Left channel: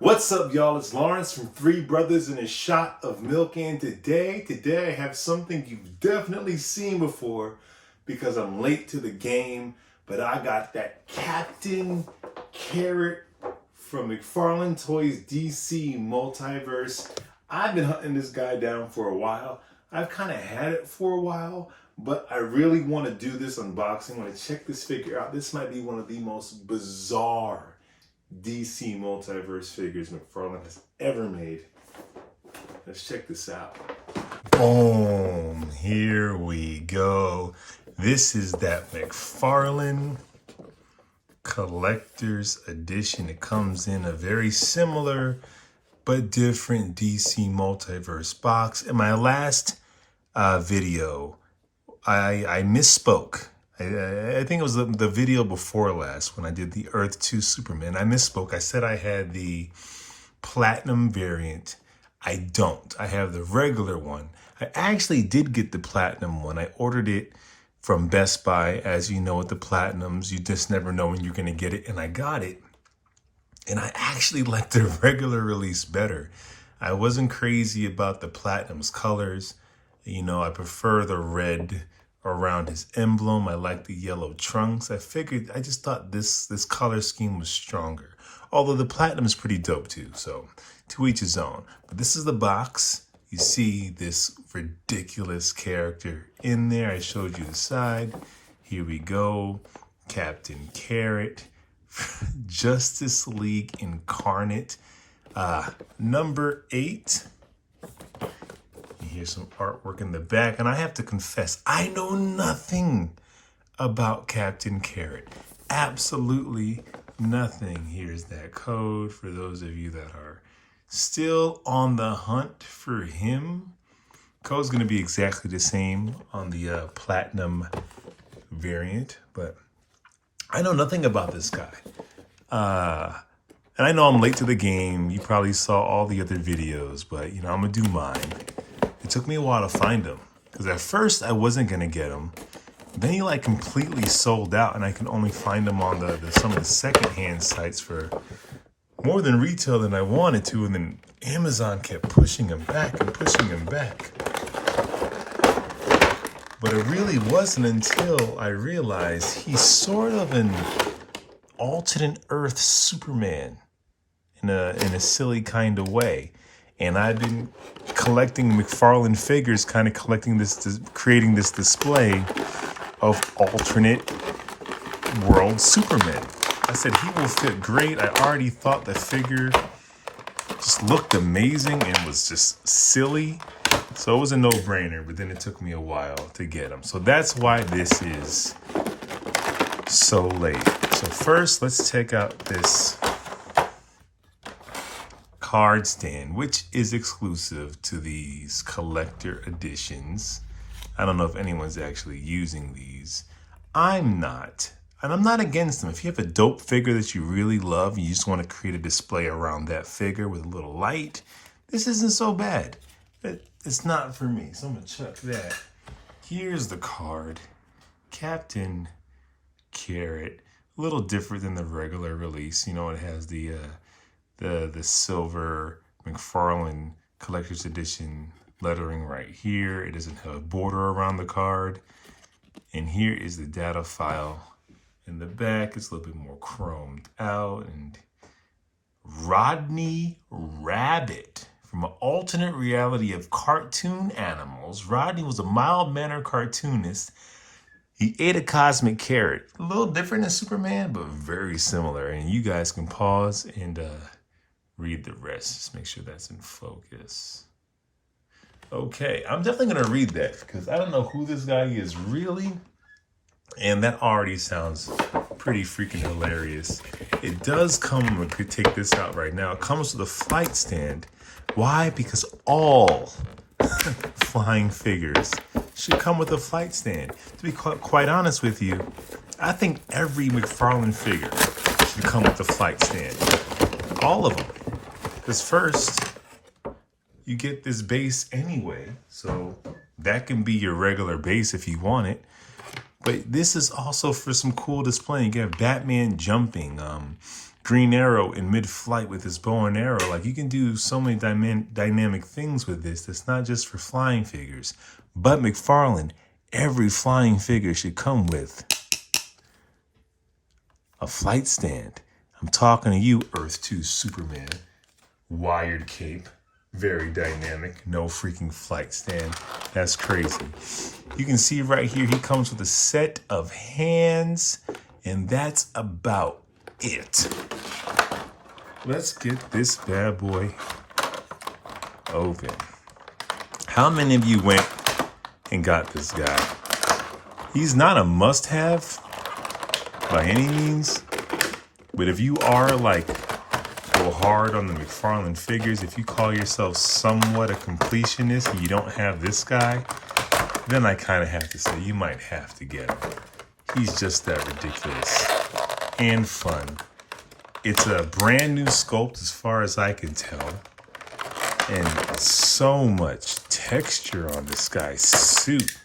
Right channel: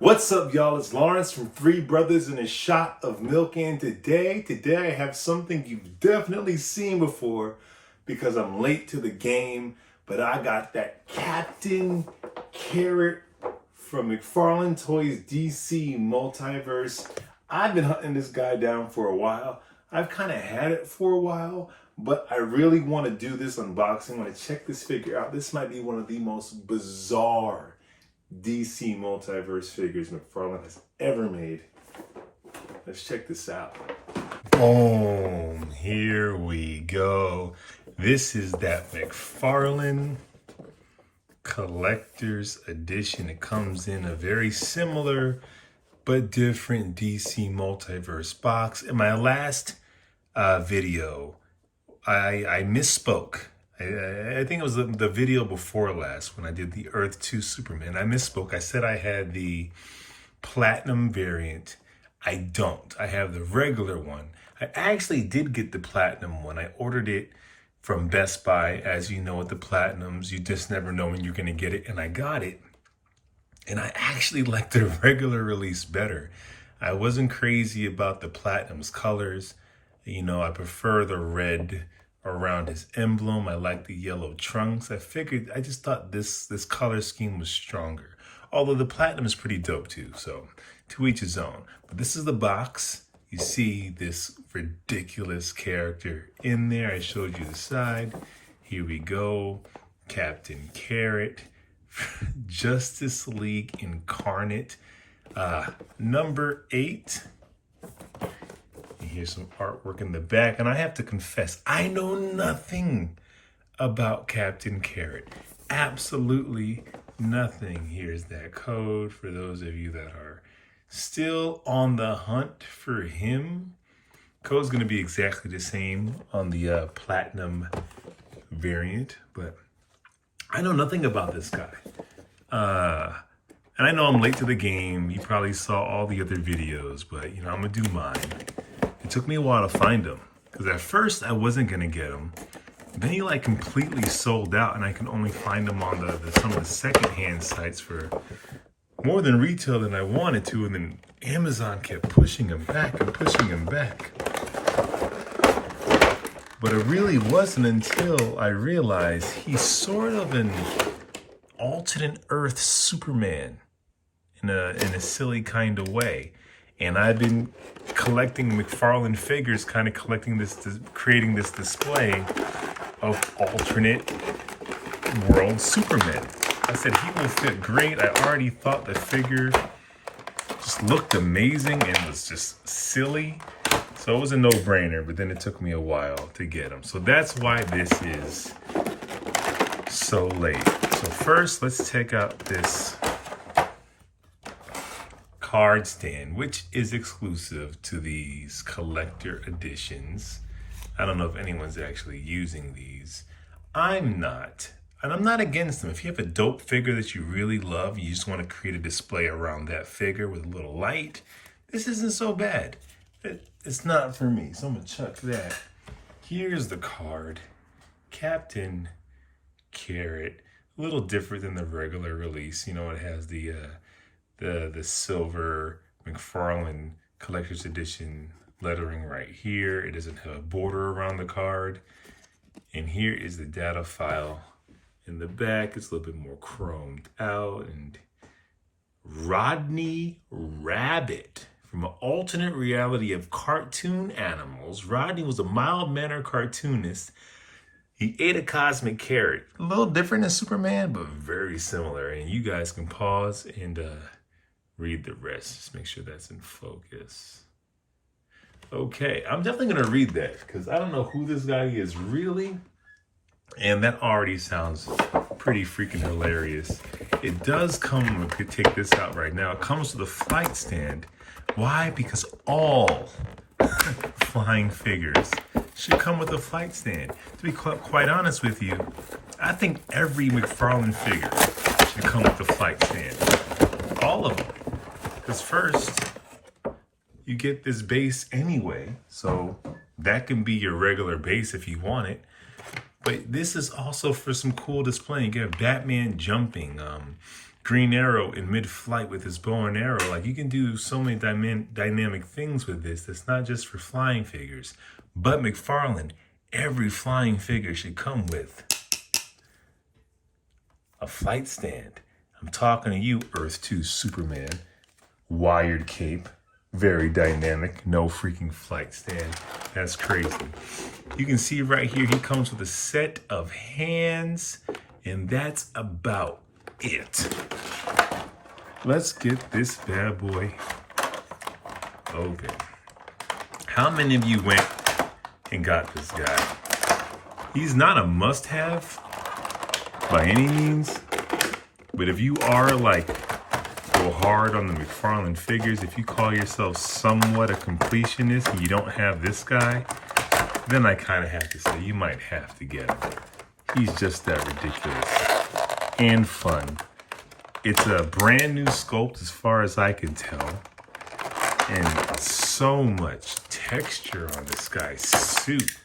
What's up, y'all? It's Lawrence from Three Brothers and a Shot of Milk, and today I have something you've definitely seen before because I'm late to the game, but I got that Captain Carrot from Mcfarlane Toys DC Multiverse. I've been hunting this guy down for a while. I've kind of had it for a while, but I really want to do this unboxing. I want to check this figure out. This might be one of the most bizarre DC Multiverse figures Mcfarlane has ever made. Let's check this out. Boom, here we go. This is that Mcfarlane Collector's Edition. It comes in a very similar but different DC Multiverse box. In my last video, I misspoke. I think it was the video before last when I did the Earth 2 Superman. I misspoke. I said I had the platinum variant. I don't. I have the regular one. I actually did get the platinum one. I ordered it from Best Buy. As you know, with the platinums, you just never know when you're going to get it. And I got it. And I actually like the regular release better. I wasn't crazy about the platinum's colors. You know, I prefer the red around his emblem. I like the yellow trunks. I just thought this color scheme was stronger. Although the platinum is pretty dope too, so to each his own. But this is the box. You see this ridiculous character in there. I showed you the side. Here we go. Captain Carrot, Justice League Incarnate, number 8. Here's some artwork in the back, and I have to confess, I know nothing about Captain Carrot. Absolutely nothing. Here's that code for those of you that are still on the hunt for him. Code's going to be exactly the same on the platinum variant, but I know nothing about this guy. And I know I'm late to the game. You probably saw all the other videos, but you know, I'm going to do mine. It took me a while to find him because at first I wasn't going to get him. Then he like completely sold out, and I can only find him on some of the secondhand sites for more than retail than I wanted to. And then Amazon kept pushing him back and pushing him back. But it really wasn't until I realized he's sort of an alternate Earth Superman in a silly kind of way. And I've been collecting Mcfarlane figures, kind of creating this display of alternate world Supermen. I said he will fit great. I already thought the figure just looked amazing and was just silly. So it was a no-brainer, but then it took me a while to get him. So that's why this is so late. So first, let's check out this card stand, which is exclusive to these collector editions. I don't know if anyone's actually using these. I'm not, and I'm not against them. If you have a dope figure that you really love, you just want to create a display around that figure with a little light, this isn't so bad. It's not for me, so I'm gonna chuck that. Here's the card, Captain Carrot. A little different than the regular release. You know, it has the silver Mcfarlane Collector's Edition lettering right here. It doesn't have a border around the card. And here is the data file in the back. It's a little bit more chromed out. And Rodney Rabbit, from an alternate reality of cartoon animals. Rodney was a mild-mannered cartoonist. He ate a cosmic carrot. A little different than Superman, but very similar. And you guys can pause and read the rest. Just make sure that's in focus. Okay, I'm definitely going to read that because I don't know who this guy is really. And that already sounds pretty freaking hilarious. It does come, we could take this out right now. It comes with a flight stand. Why? Because all flying figures should come with a flight stand. To be quite honest with you, I think every Mcfarlane figure should come with a flight stand. All of them. Because first, you get this base anyway, so that can be your regular base if you want it. But this is also for some cool displaying. You have Batman jumping, Green Arrow in mid-flight with his bow and arrow. Like, you can do so many dynamic things with this. That's not just for flying figures. But McFarlane, every flying figure should come with a flight stand. I'm talking to you, Earth 2 Superman. Wired cape. Very dynamic. No freaking flight stand. That's crazy. You can see right here, he comes with a set of hands. And that's about it. Let's get this bad boy open. How many of you went and got this guy? He's not a must-have by any means, but if you are like go hard on the McFarlane figures, if you call yourself somewhat a completionist and you don't have this guy, then I kind of have to say you might have to get him. He's just that ridiculous and fun. It's a brand new sculpt as far as I can tell. And so much texture on this guy's suit.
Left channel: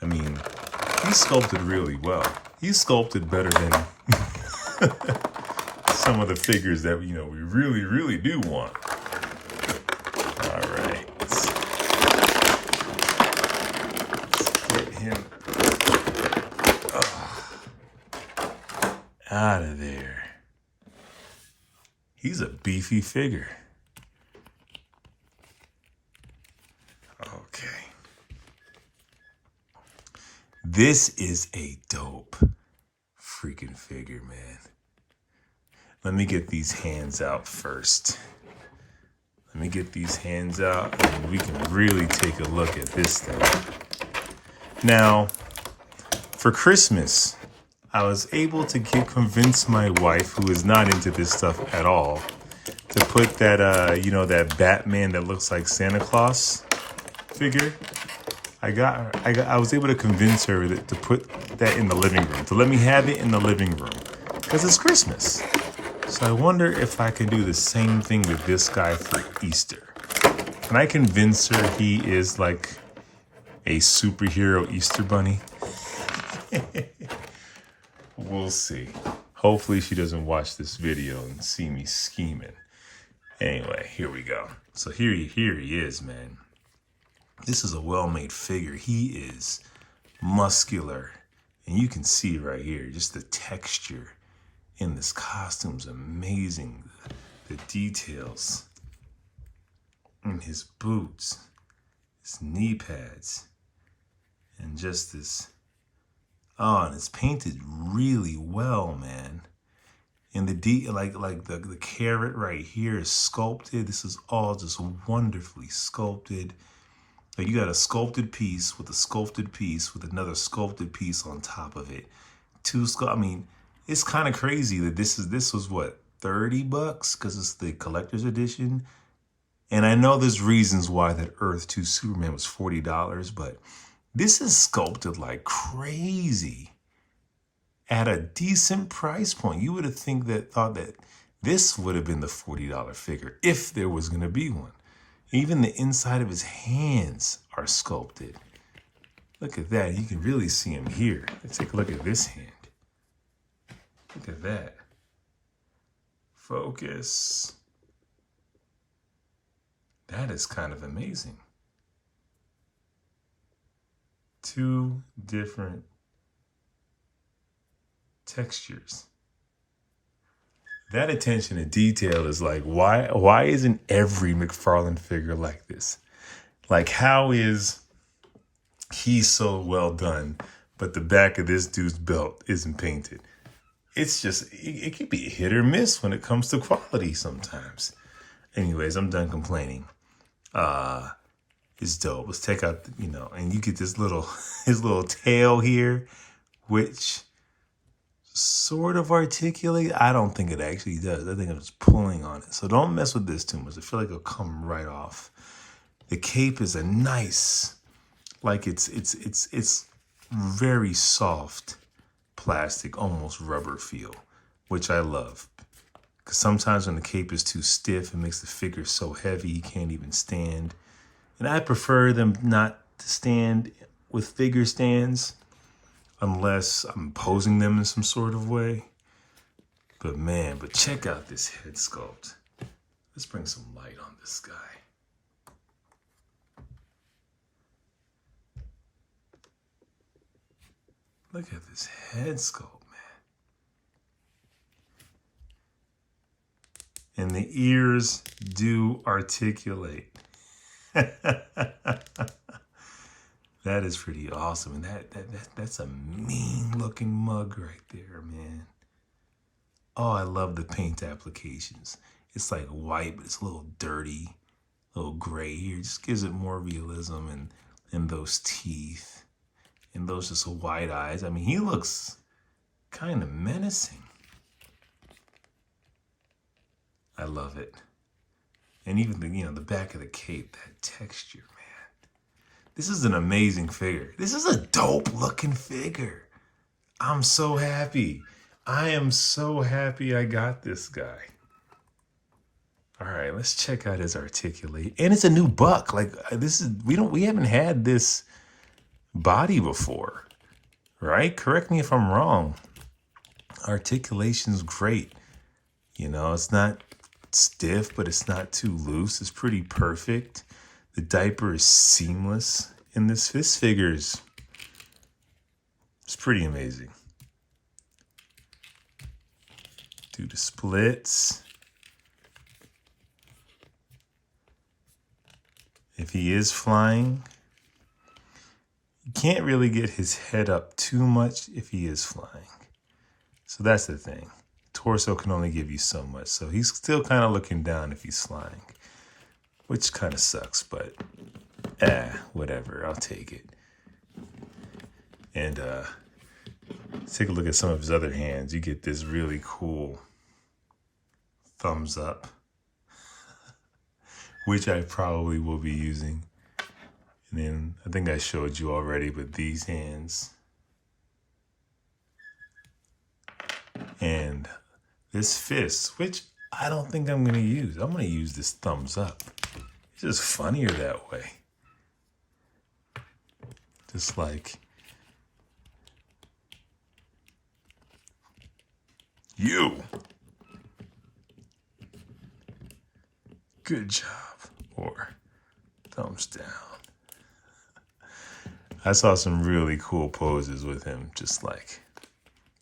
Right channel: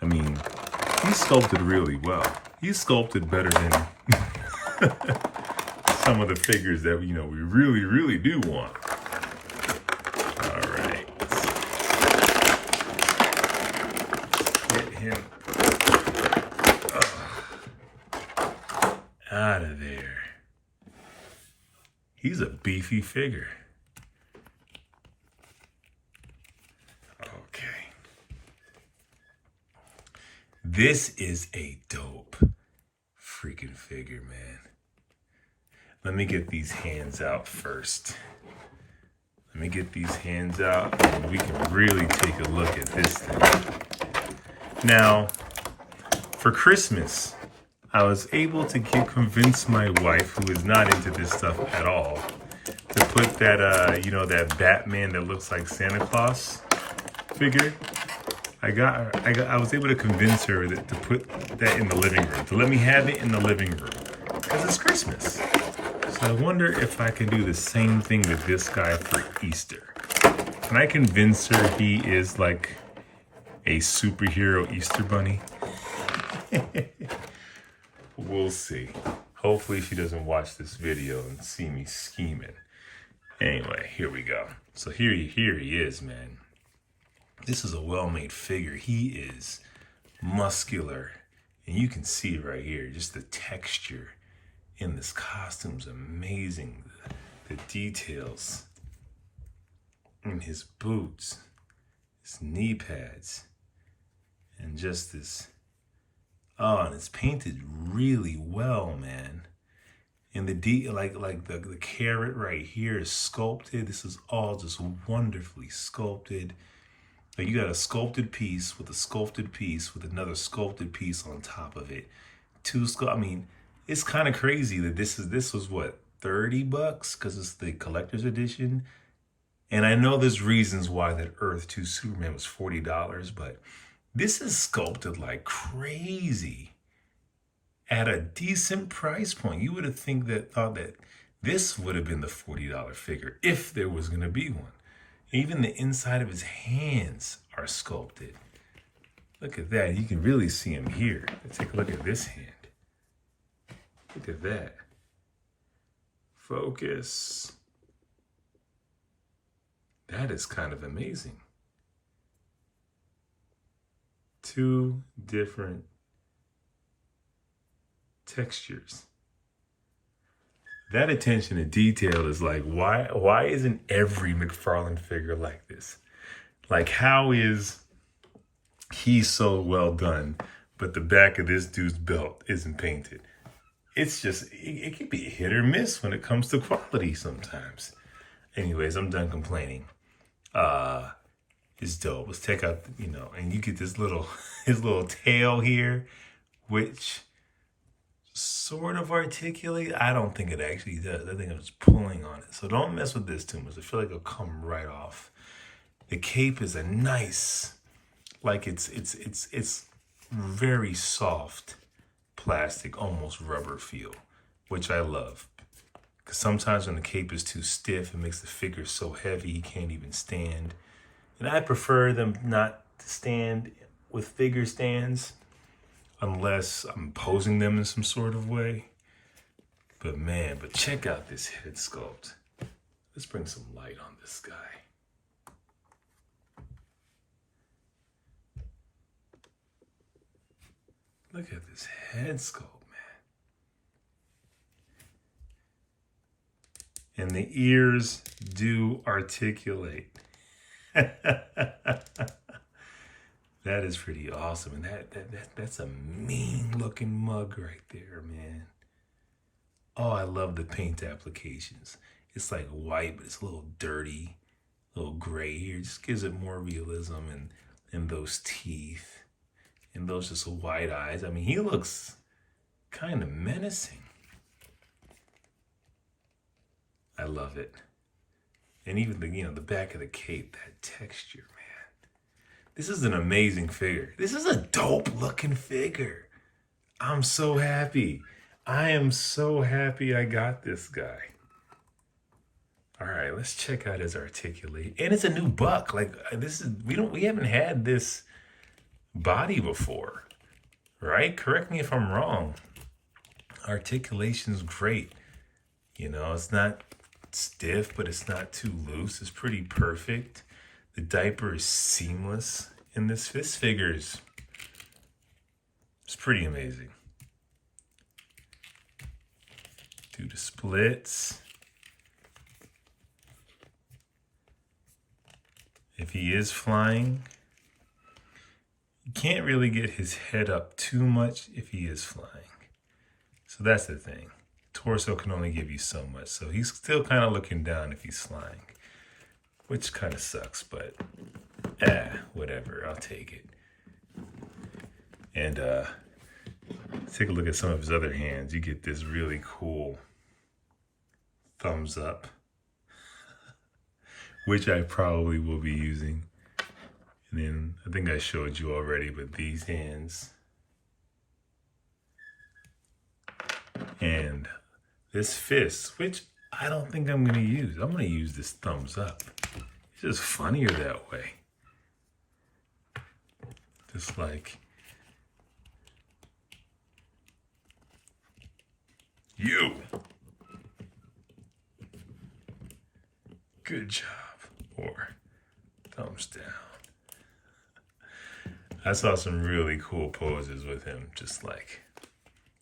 I mean, he's sculpted really well. He's sculpted better than some of the figures that, you know, we really, really do want. All right. Let's get him out of there. He's a beefy figure. Okay. This is a dope freaking figure, man. Let me get these hands out first. Let me get these hands out and we can really take a look at this thing. Now, for Christmas, I was able to convince my wife, who is not into this stuff at all, to put that, you know, that Batman that looks like Santa Claus figure. I was able to convince her to put that in the living room, to let me have it in the living room, because it's Christmas. So I wonder if I can do the same thing with this guy for Easter. Can I convince her he is like a superhero Easter bunny? We'll see. Hopefully she doesn't watch this video and see me scheming. Anyway, here we go. So here he is, man. This is a well-made figure. He is muscular. And you can see right here, just the texture in this costume is amazing. The details in his boots, his knee pads, and just this, oh, and it's painted really well, man. And the like the carrot right here is sculpted. This is all just wonderfully sculpted. Like, you got a sculpted piece with a sculpted piece with another sculpted piece on top of it. I mean, it's kind of crazy that this was what, $30 because it's the collector's edition. And I know there's reasons why that Earth 2 Superman was $40, but this is sculpted like crazy at a decent price point. You would have thought that this would have been the $40 figure if there was going to be one. Even the inside of his hands are sculpted. Look at that. You can really see him here. Let's take a look at this hand. Look at that. Focus. That is kind of amazing. Two different textures. That attention to detail is like, why isn't every McFarlane figure like this? Like, how is he so well done, but the back of this dude's belt isn't painted? It's just, it can be hit or miss when it comes to quality sometimes. Anyways, I'm done complaining. It's dope. Let's take out, you know, and you get this his little tail here, which sort of articulate. I don't think it actually does. I think I'm just pulling on it. So don't mess with this too much. I feel like it'll come right off. The cape is a nice, like it's very soft plastic, almost rubber feel, which I love. Because sometimes when the cape is too stiff, it makes the figure so heavy you can't even stand. And I prefer them not to stand with figure stands unless I'm posing them in some sort of way. But man, but check out this head sculpt. Let's bring some light on this guy. Look at this head sculpt, man. And the ears do articulate. That is pretty awesome. And that's a mean looking mug right there, man. Oh, I love the paint applications. It's like white, but it's a little dirty, a little gray here. It just gives it more realism, and those teeth and those just wide eyes. I mean, he looks kind of menacing. I love it. And even the back of the cape, that texture, man. This is an amazing figure. This is a dope looking figure. I'm so happy. I am so happy I got this guy. All right, let's check out his articulate. And it's a new buck. Like we haven't had this body before, right? Correct me if I'm wrong. Articulation's great. It's not stiff, but it's not too loose. It's pretty perfect. The diaper is seamless in this figures. It's pretty amazing. Do the splits. If he is flying, you can't really get his head up too much if he is flying. So that's the thing. Torso can only give you so much. So he's still kind of looking down if he's flying, which kind of sucks, but whatever, I'll take it. And take a look at some of his other hands. You get this really cool thumbs up, which I probably will be using. And then I think I showed you already, but these hands and this fist, which I don't think I'm going to use. I'm going to use this thumbs up. It's just funnier that way. Just like, you. Good job. Or thumbs down. I saw some really cool poses with him, just like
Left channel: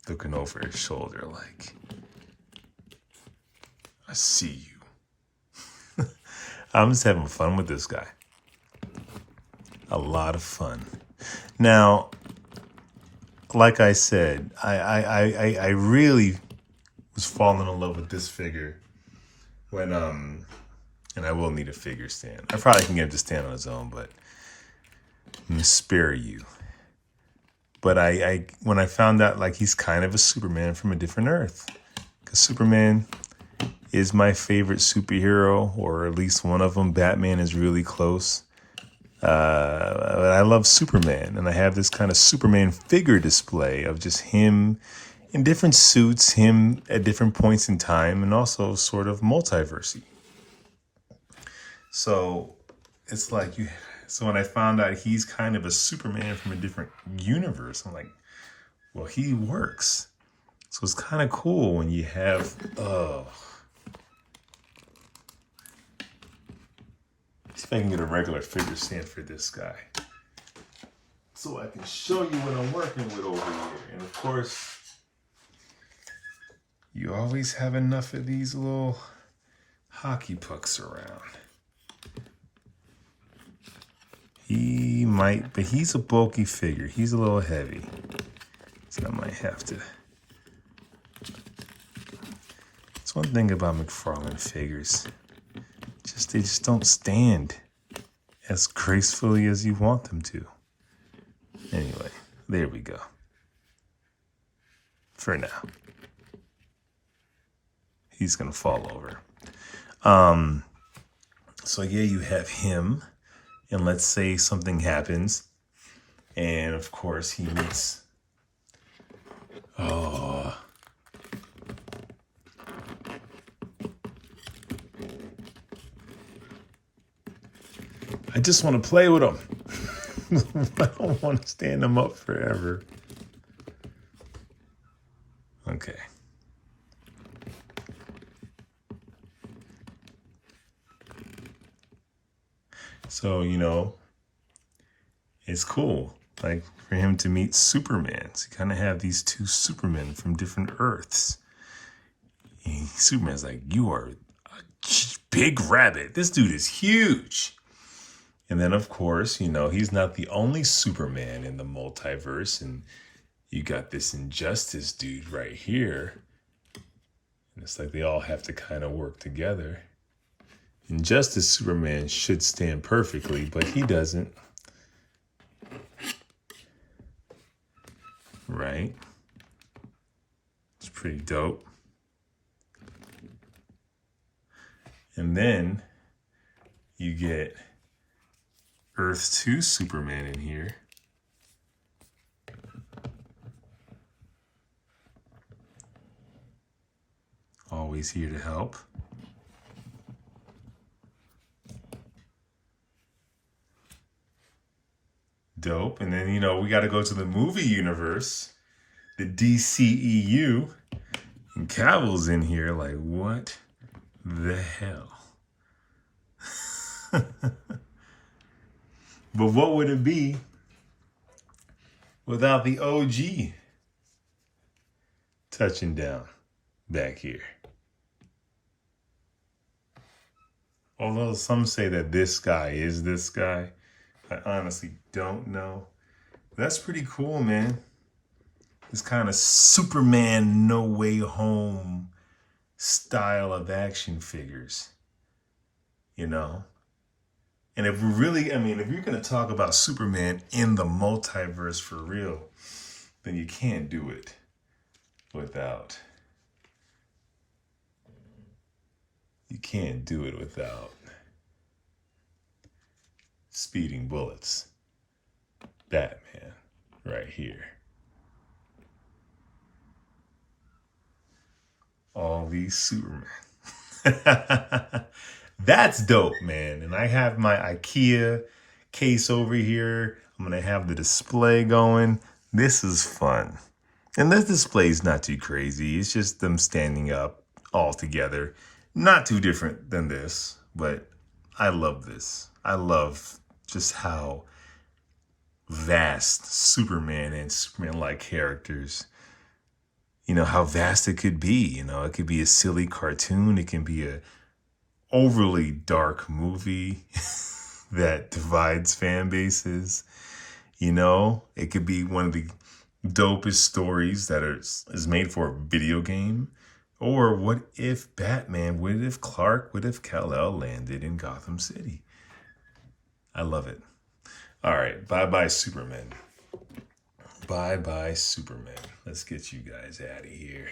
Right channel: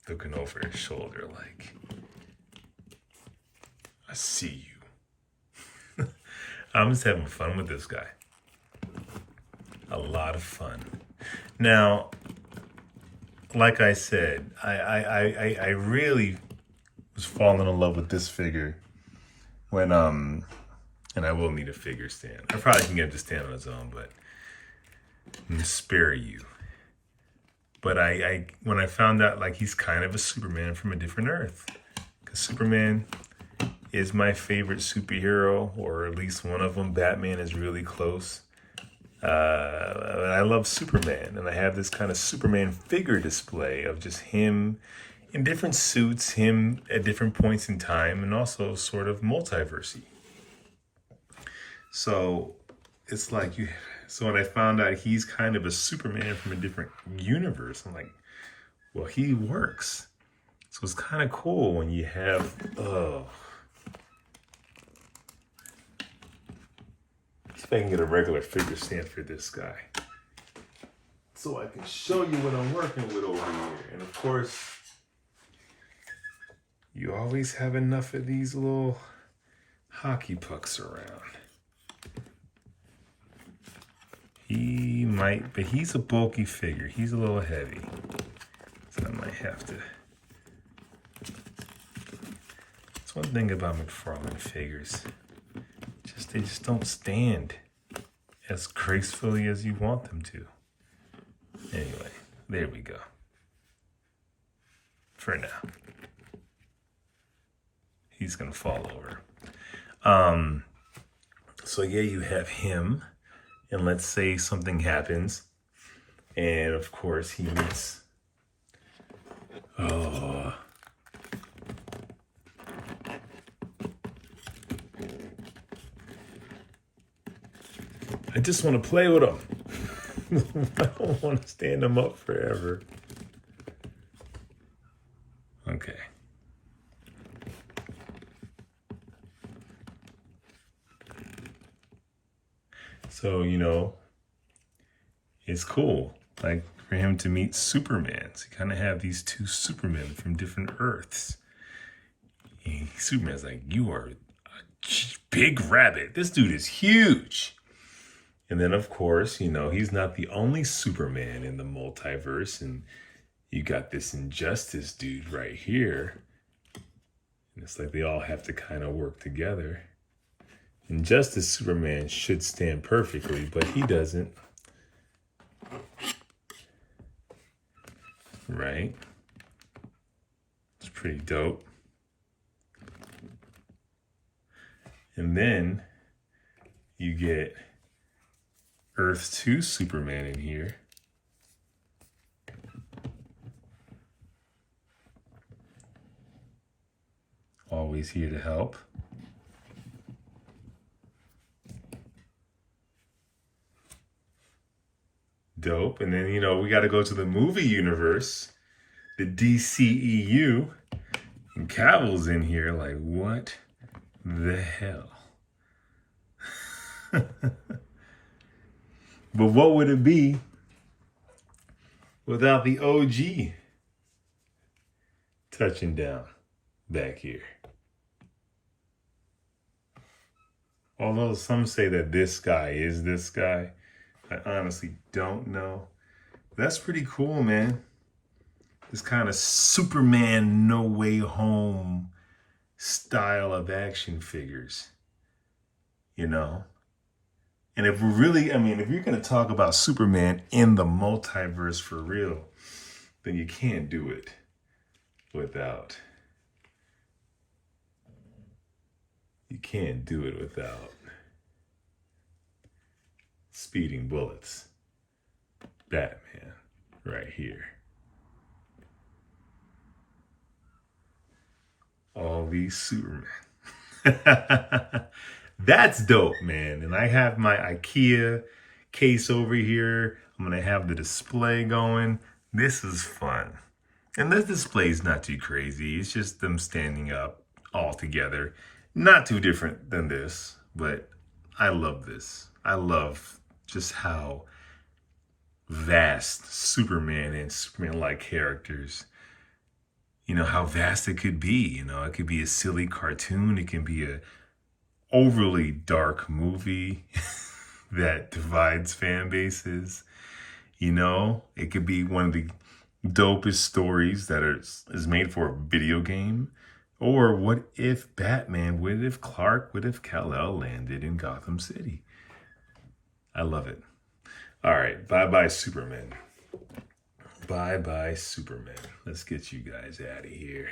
looking over his shoulder like, I see you. I'm just having fun with this guy. A lot of fun. Now, like I said, I really was falling in love with this figure when, and I will need a figure stand. I probably can get him to stand on his own, but I'm gonna spare you. But when I found out like he's kind of a Superman from a different Earth, because Superman is my favorite superhero, or at least one of them. Batman is really close. I love Superman, and I have this kind of Superman figure display of just him in different suits, him at different points in time, and also sort of multiverse-y. So it's like so when I found out he's kind of a Superman from a different universe, I'm like, well, he works. So it's kind of cool when you have, see if I can get a regular figure stand for this guy, so I can show you what I'm working with over here. And of course, you always have enough of these little hockey pucks around. He might, but he's a bulky figure. He's a little heavy, so I might have to. That's one thing about Mcfarlane figures. They just don't stand as gracefully as you want them to. Anyway, there we go. For now. He's gonna fall over. So yeah, you have him, and let's say something happens, and of course he meets, I just want to play with him. I don't want to stand him up forever. Okay. So, you know, it's cool, like, for him to meet Superman. So you kind of have these two Supermen from different Earths. And Superman's like, you are a big rabbit. This dude is huge. And then, of course, you know, he's not the only Superman in the multiverse. And you got this Injustice dude right here. And it's like they all have to kind of work together. Injustice Superman should stand perfectly, but he doesn't. Right? It's pretty dope. And then you get Earth 2 Superman in here. Always here to help. Dope. And then, you know, we got to go to the movie universe, the DCEU. And Cavill's in here like, what the hell? But what would it be without the OG touching down back here? Although some say that this guy is this guy, I honestly don't know. That's pretty cool, man. This kind of Superman No Way Home style of action figures, you know? And if we're really, I mean, if you're going to talk about Superman in the multiverse for real, then you can't do it without, speeding bullets. Batman right here. All these Supermen. That's dope, man. And I have my IKEA case over here. I'm going to have the display going. This is fun. And this display is not too crazy. It's just them standing up all together. Not too different than this, but I love this. I love just how vast Superman and Superman-like characters, you know, how vast it could be. You know, it could be a silly cartoon. It can be a overly dark movie that divides fan bases. You know, it could be one of the dopest stories that is made for a video game. Or what if Batman, what if Clark, what if Kal-El landed in Gotham City? I love it. All right, bye-bye Superman. Bye-bye Superman. Let's get you guys out of here.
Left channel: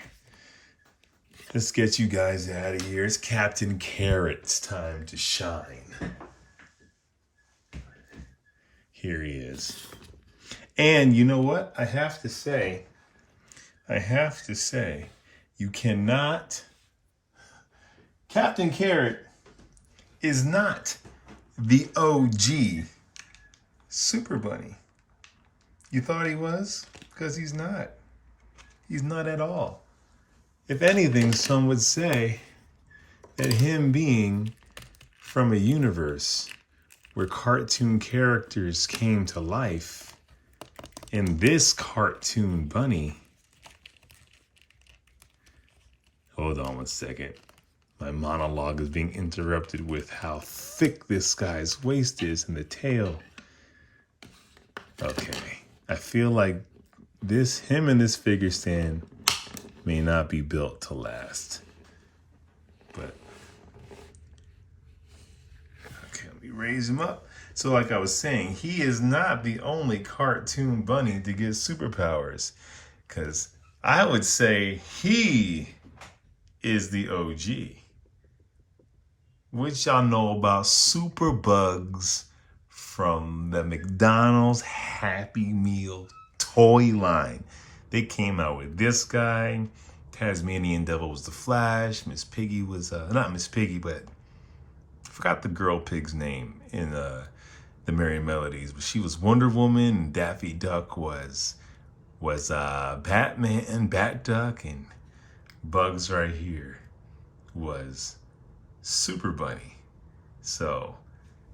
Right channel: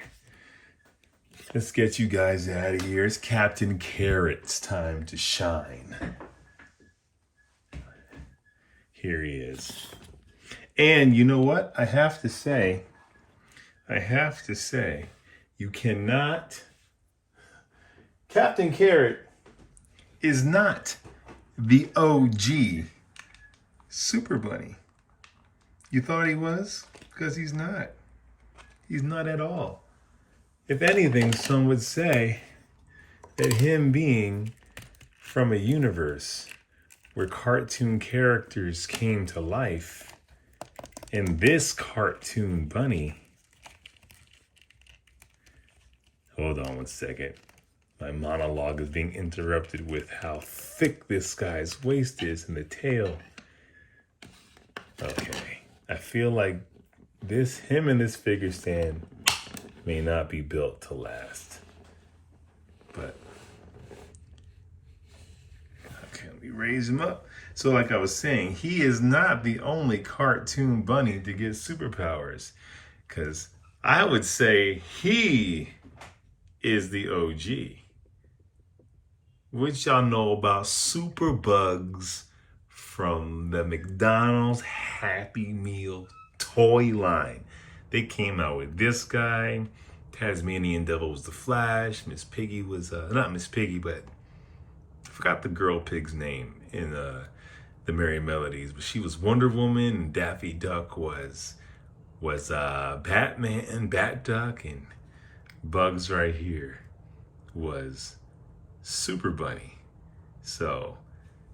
Let's get you guys out of here. It's Captain Carrot's time to shine. Here he is. And you know what? I have to say, you cannot, Captain Carrot is not the OG Super Bunny. You thought he was? Because he's not. He's not at all. If anything, some would say that him being from a universe where cartoon characters came to life, and this cartoon bunny, hold on one second. My monologue is being interrupted with how thick this guy's waist is and the tail. Okay, I feel like him and this figure stand may not be built to last. But, okay, let me raise him up. So like I was saying, he is not the only cartoon bunny to get superpowers. Because I would say he is the OG. Which y'all know about Super Bugs from the McDonald's Happy Meal toy line. They came out with this guy. Tasmanian Devil was the Flash. Miss Piggy was, not Miss Piggy, but I forgot the girl pig's name in the Merry Melodies. But she was Wonder Woman, and Daffy Duck was Batman and Bat Duck, and Bugs right here was Super Bunny. So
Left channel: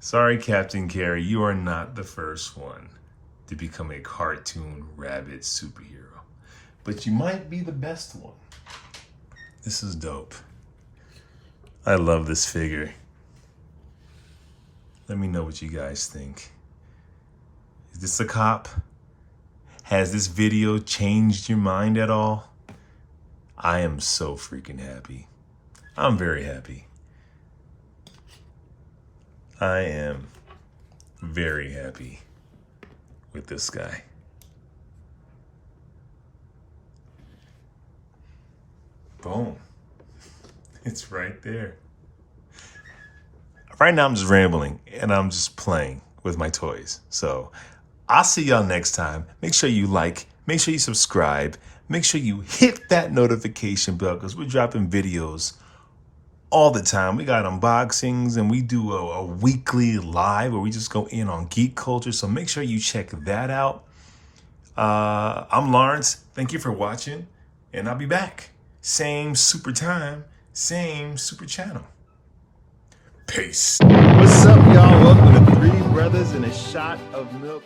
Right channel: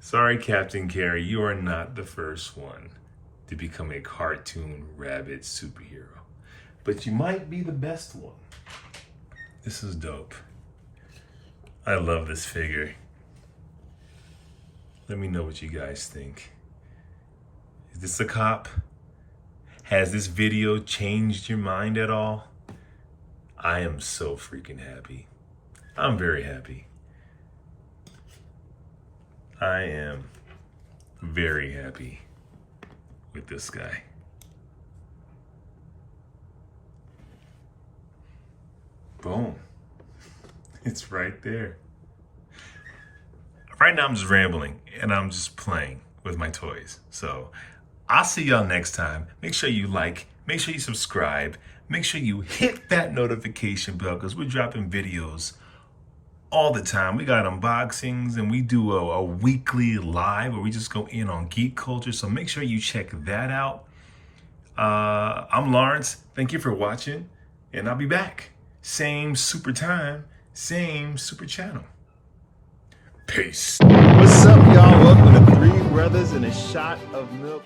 Sorry, Captain Carey, you are not the first one to become a cartoon rabbit superhero, but you might be the best one. This is dope. I love this figure. Let me know what you guys think. Is this a cop? Has this video changed your mind at all? I am so freaking happy. I'm very happy. I am very happy with this guy. Boom. It's right there. Right now I'm just rambling and I'm just playing with my toys. So I'll see y'all next time. Make sure you like, make sure you subscribe, make sure you hit that notification bell because we're dropping videos all the time. We got unboxings and we do a weekly live where we just go in on geek culture. So make sure you check that out. I'm Lawrence. Thank you for watching and I'll be back. Same super time, same super channel. Peace. What's up, y'all? Welcome to Three Brothers and a Shot of Milk.